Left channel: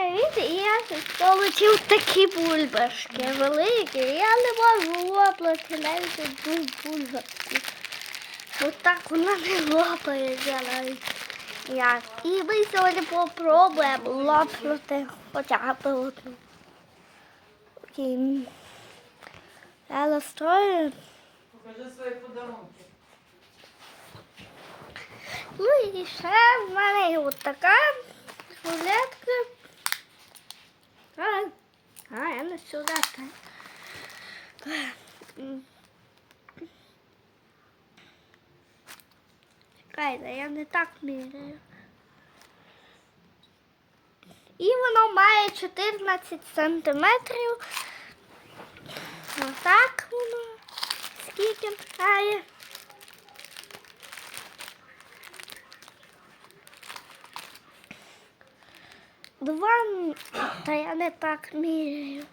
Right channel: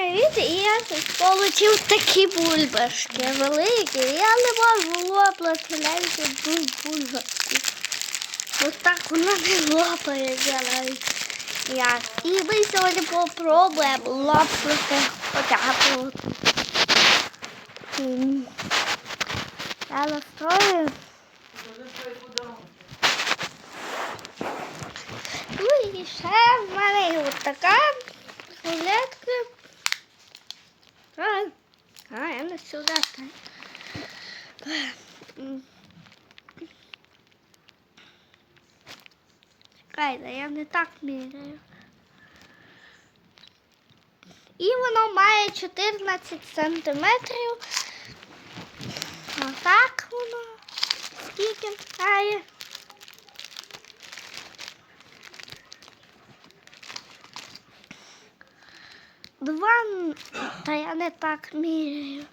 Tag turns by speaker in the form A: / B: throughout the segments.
A: привіт! І я отримав такі бульбашки великі. Я не можу лопнути навіть одну бульбашку. Ось так вона не лопається навіть. Як. І ми сьогодні попробуємо лопнути б Я настрою. Ну і ще в мене така рулетка. А, а я не сюди. М. Чекайте, я не так міряю. І воно має 14 сантиметрів. Отак воно. Скільки має. Два, та я не так міряю.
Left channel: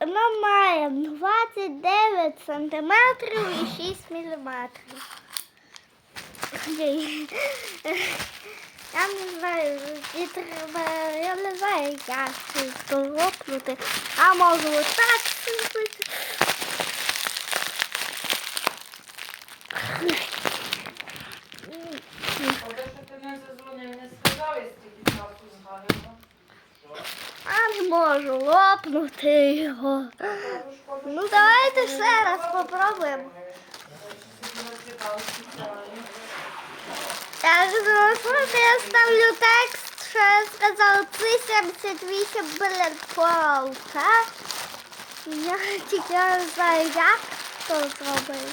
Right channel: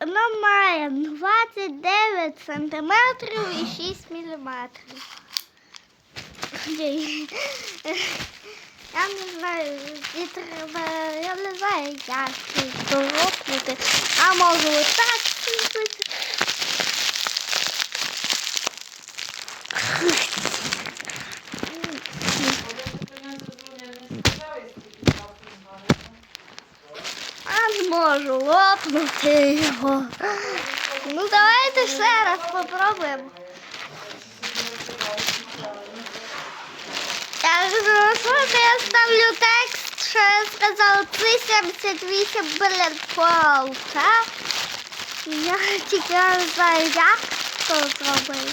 A: Воно має 29 сантиметрів і 6 міліметрів. Я не знаю, і треба, я не знаю, як це доробити. А можу отак. А не можу лопнути його. Ну давайте ще раз попробуємо. Я зрозуміла, я ставлю текст, що я сказала 378 блін полка. Я тільки не знаю, як це зробити.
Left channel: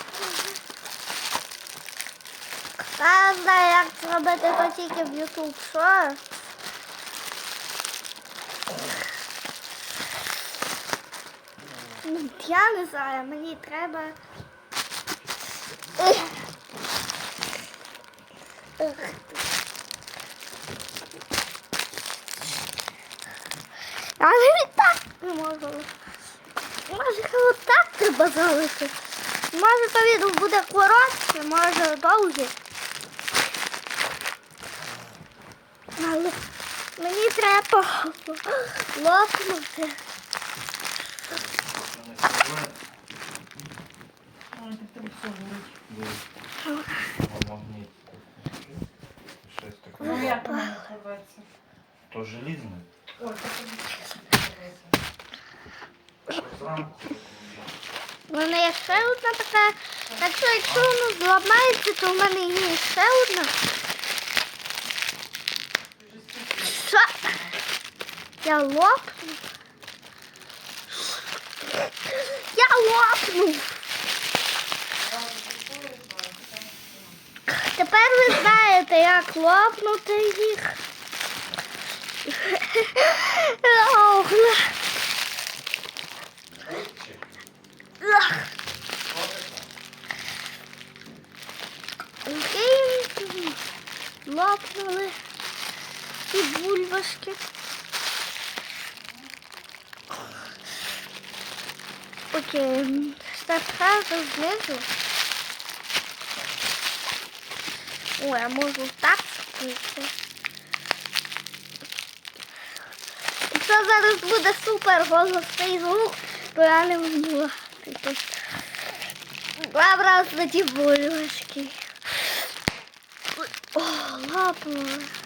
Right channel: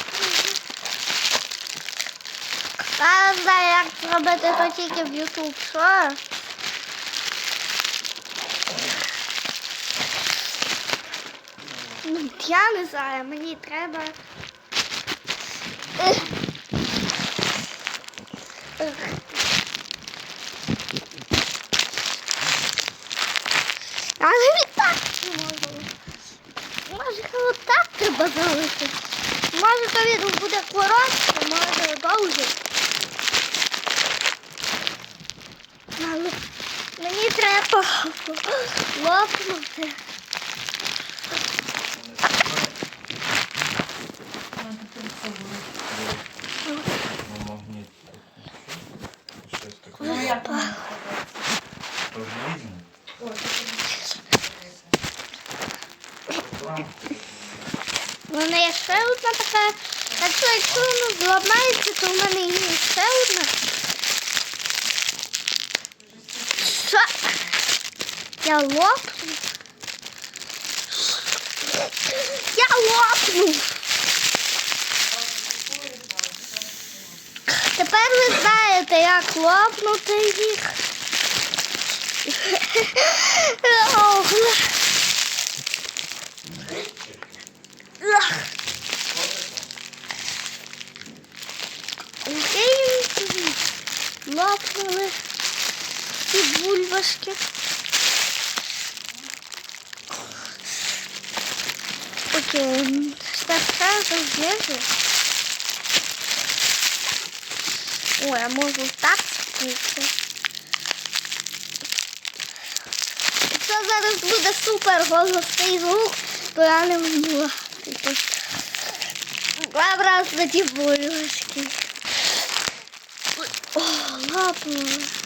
A: Я не знаю, як зробити то тільки в YouTube. Що? Ну, я не знаю, мені треба. Але не так не можу. Може, отак треба зробити. Може, то він буде коротше, може довше. Але мені треба лопнути.
B: Таке. То желізне. Там
A: У мене є ще одна така. Так що якщо воно зламається, то в мене є ще одна. Що? Я лопну. Я лопну. Тепер ви знаєте, як лопнути їх. Ох, лопнули ці бульбашки. Окей, тепер знизу. Ой, я можу так спити. Це зараз буде супер голосний звук, то я не можу. Типу, Два на ті. О, лапнула.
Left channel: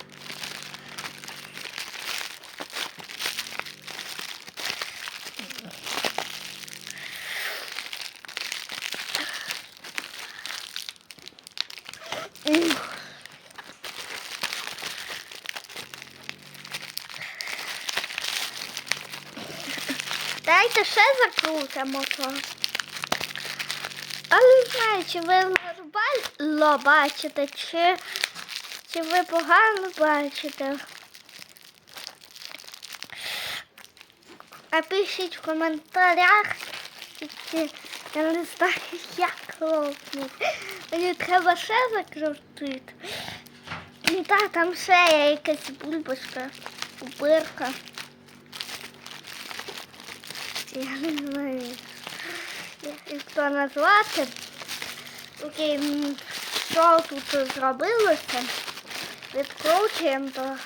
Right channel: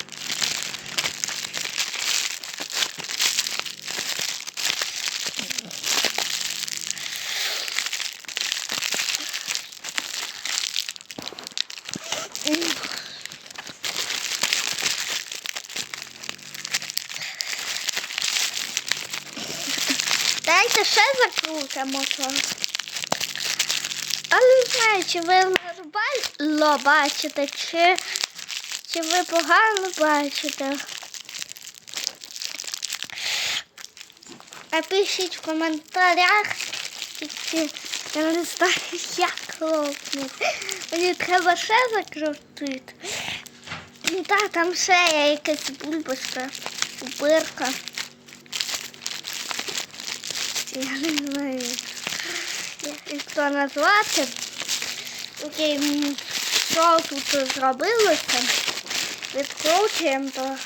A: Дайте ще закрутимо то. Але знаю, чи ви нормально бачите, чи, чи ви погано бачите. Напишіть в коментарях, чи я не знаю, як лопнути. Мені треба ще закрутити. Ну так, там ще є якась бульбашка, бирка. Я не знаю, як то назвати. Окей, що тут зробилося? Відкручуємо то.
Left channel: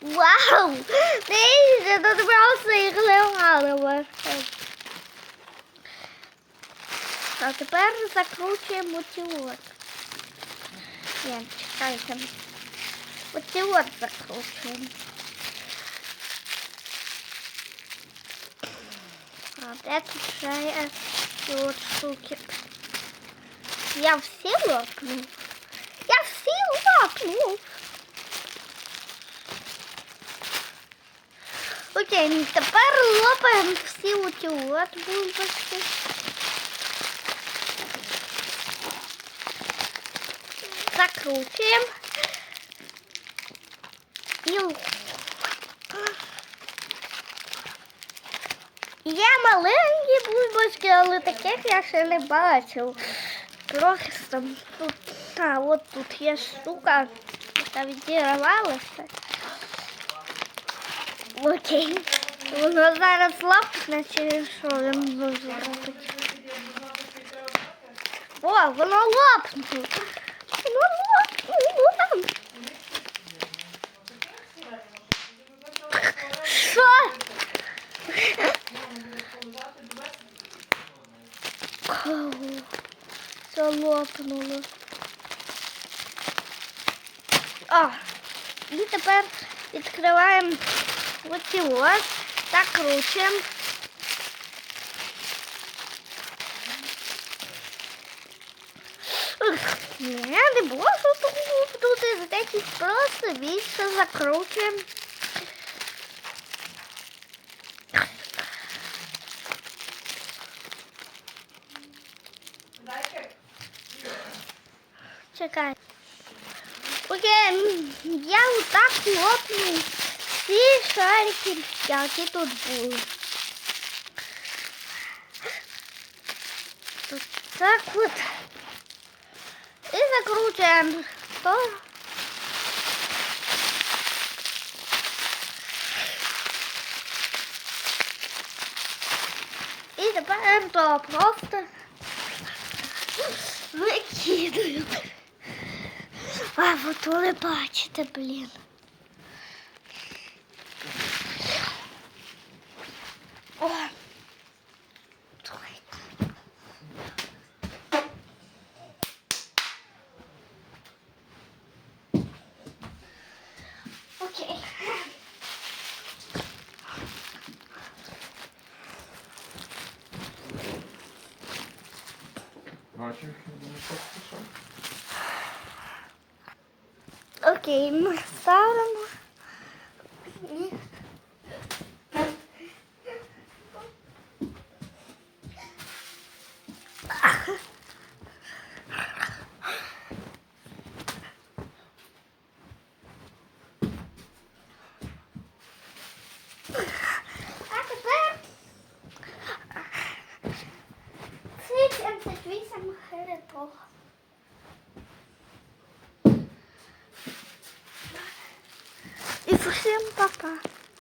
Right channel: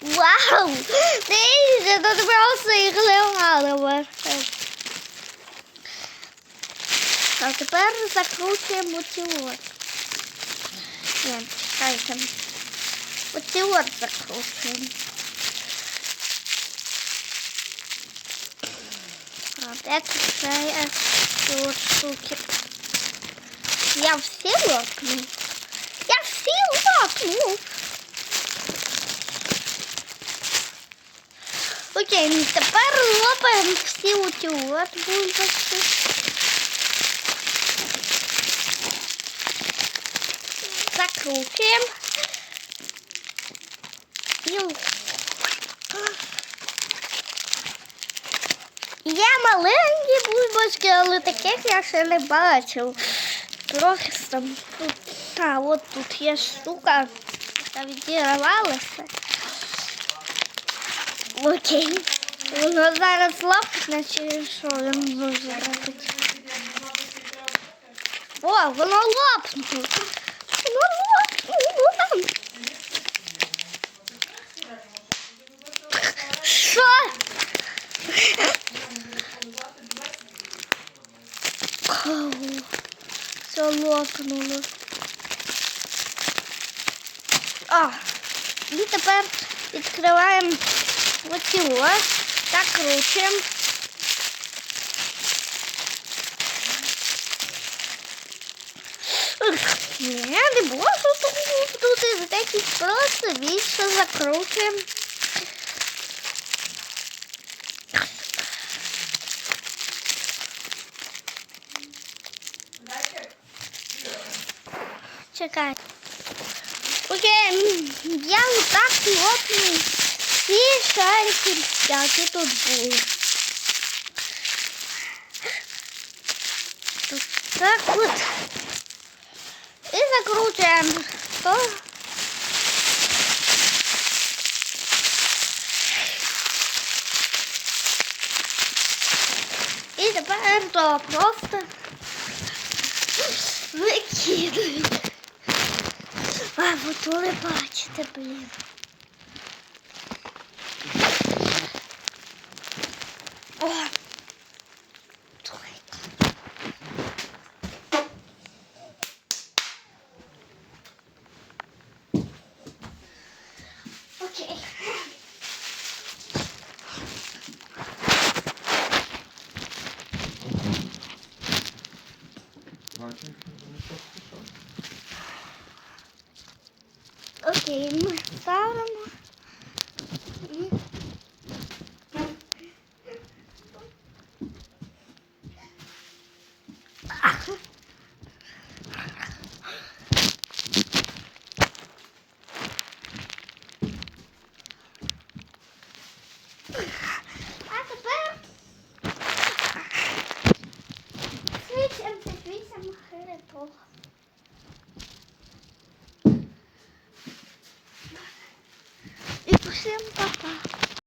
A: Вау! Дивіться, тут просто їх легало. А тепер закручуємо ці от. Ні, чекайте. Оці закручуємо. А де тут ще є ці от штуки? Я всі лопну. Я всі лопну. Окей, ну тепер лопаємо всі оті от бульбашки. Закручуємо. Ю. Є маленькі бульбашки, але таких я ще не бачив. Трохи там тут. А, от тут є штука, яка відірвалася. Окей. Воно зараз лопне, чи що він може робити? О, воно лопнуло. Воно лопнуло. Що? Кого? Все лопнуло. А, і тепер відкриваємо оці ось, закручуємо. Ух, Ні, не можу тут тут такий просто більше закручуємо. Чекай. Окей, я отак лопну всі шарики, які тут були. Так от. І закручуємо. То. І тепер то просто викидують. А, от ви бачите, блін. О. Окей.
B: Бачиш, поспішав.
A: Окей, ми ставимо. Jam.